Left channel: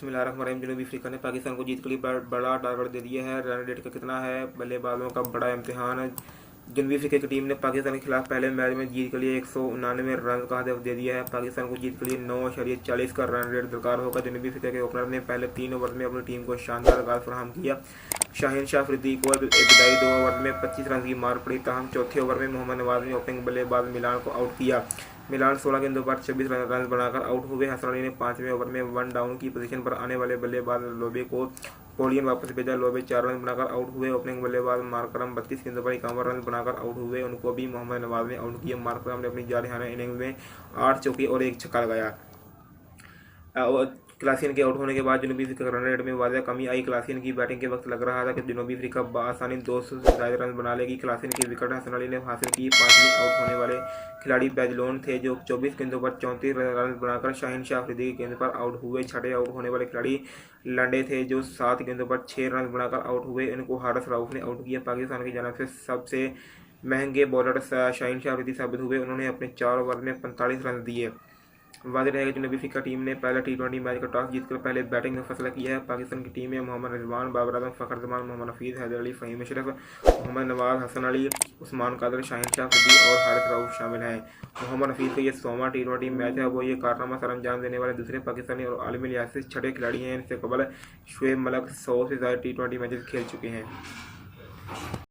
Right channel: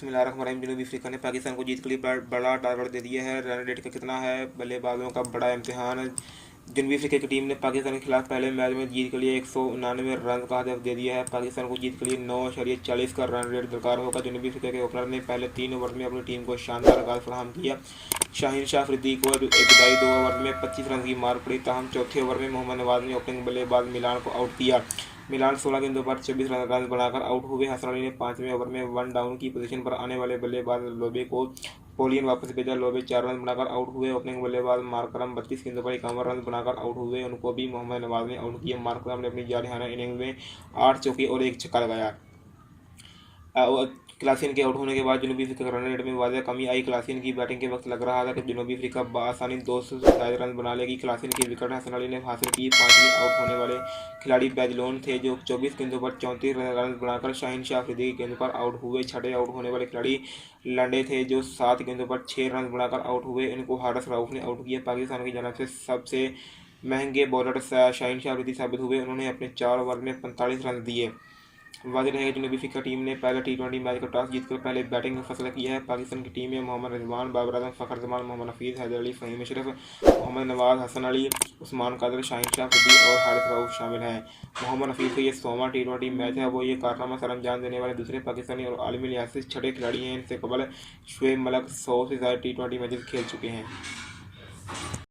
बिस्मिल्लाहिर्रहमानिर्रहीम। जनूबी अफ्रीका ने पाकिस्तान को जीत के लिए बड़ा टारगेट दे दिया है। रन रेट का कितना है, बल्लेबाजों का बड़ा इम्तिहान। जनूबी अफ्रीका की टीम ने पाकिस्तान के खिलाफ पहले मैच में जीत के लिए 199 रन का हदफ दे दिया है। पाकिस्तान को जीत के लिए 9.40 का रन रेट दरकार होगा। जनूबी अफ्रीका के ओपनर ने पहले 3 ओवर में अपनी टीम को शानदार आगाज फराहम किया। शाहीन शाह अफरीदी को इब्तदाई 2 ओवर में 25 रन की मार पड़ी, ताहम चौथे ओवर में मोहम्मद नवाज ने ओपनिंग बल्लेबाज मिलान को आउट किया। मिलान 16 गेंदों पर 24 रन बनाकर आउट हुए। हसन अली ने 5वें ओवर में 1 डाउन की पोजीशन पर आने वाले बल्लेबाज लोबे को पोलियन वापस भेजा। लोबे 4 रन बनाकर आउट हुए। ओपनिंग बल्लेबाज मार्करम 32 गेंदों पर 51 रन बनाकर आउट हुए, उनको भी मोहम्मद नवाज ने आउट किया। मार्करम ने अपनी जारहाना इनिंग्स में 8 चौके और 1 छक्का लगाया। क्लासियन के आउट होने के बाद जनूबी अफ्रीका रन रेट में वाज़ह कमी आई। क्लासियन की बैटिंग के वक्त लग रहा था कि जनूबी अफ्रीका बआसानी 200 से ज्यादा रन बना लेगी। क्लासियन की विकेट हसन अली ने हासिल की। 5वें आउट होने वाले खिलाड़ी बैजलोन थे, जो 24 गेंदों पर 34 रन बनाकर शाहीन शाह अफरीदी की गेंद पर आउट हुए। छठे आउट होने वाले खिलाड़ी लंडे थे, जो 7 गेंदों पर 6 रन बनाकर आउट हुए, इनको हारिस रऊफ ने आउट किया। पाकिस्तान की जानब से सबसे महंगे बॉलर शाहीन शाह अफरीदी साबित हुए। उन्होंने अपने 4 ओवर में 45 रन दिए। वाज़ेह है कि जनूबी अफ्रीका टीम ने पहला टी20 मैच का टॉस जीतकर पहले बैटिंग का फैसला किया है। पाकिस्तान की टीम में मोहम्मद रिजवान, बाबर आजम, फ़खर जमान, मोहम्मद हफीज़, हैदर अली, फ़हीम अशरफ, मोहम्मद नवाज, हसन अली, उस्मान कादर, शाहीन शाह अफरीदी और हारिस रऊफ शामिल हैं। मोहम्मद हफीज़ का ये 100वां टी20 मैच है। वो ये कारनामा सर अंजाम देने वाले दूसरे पाकिस्तानी और आलमी लिहाज से छठे खिलाड़ी हैं। इनसे कबल शुएब मलिक 100 से ज़्यादा टी20 मैचेस खेल चुके हैं।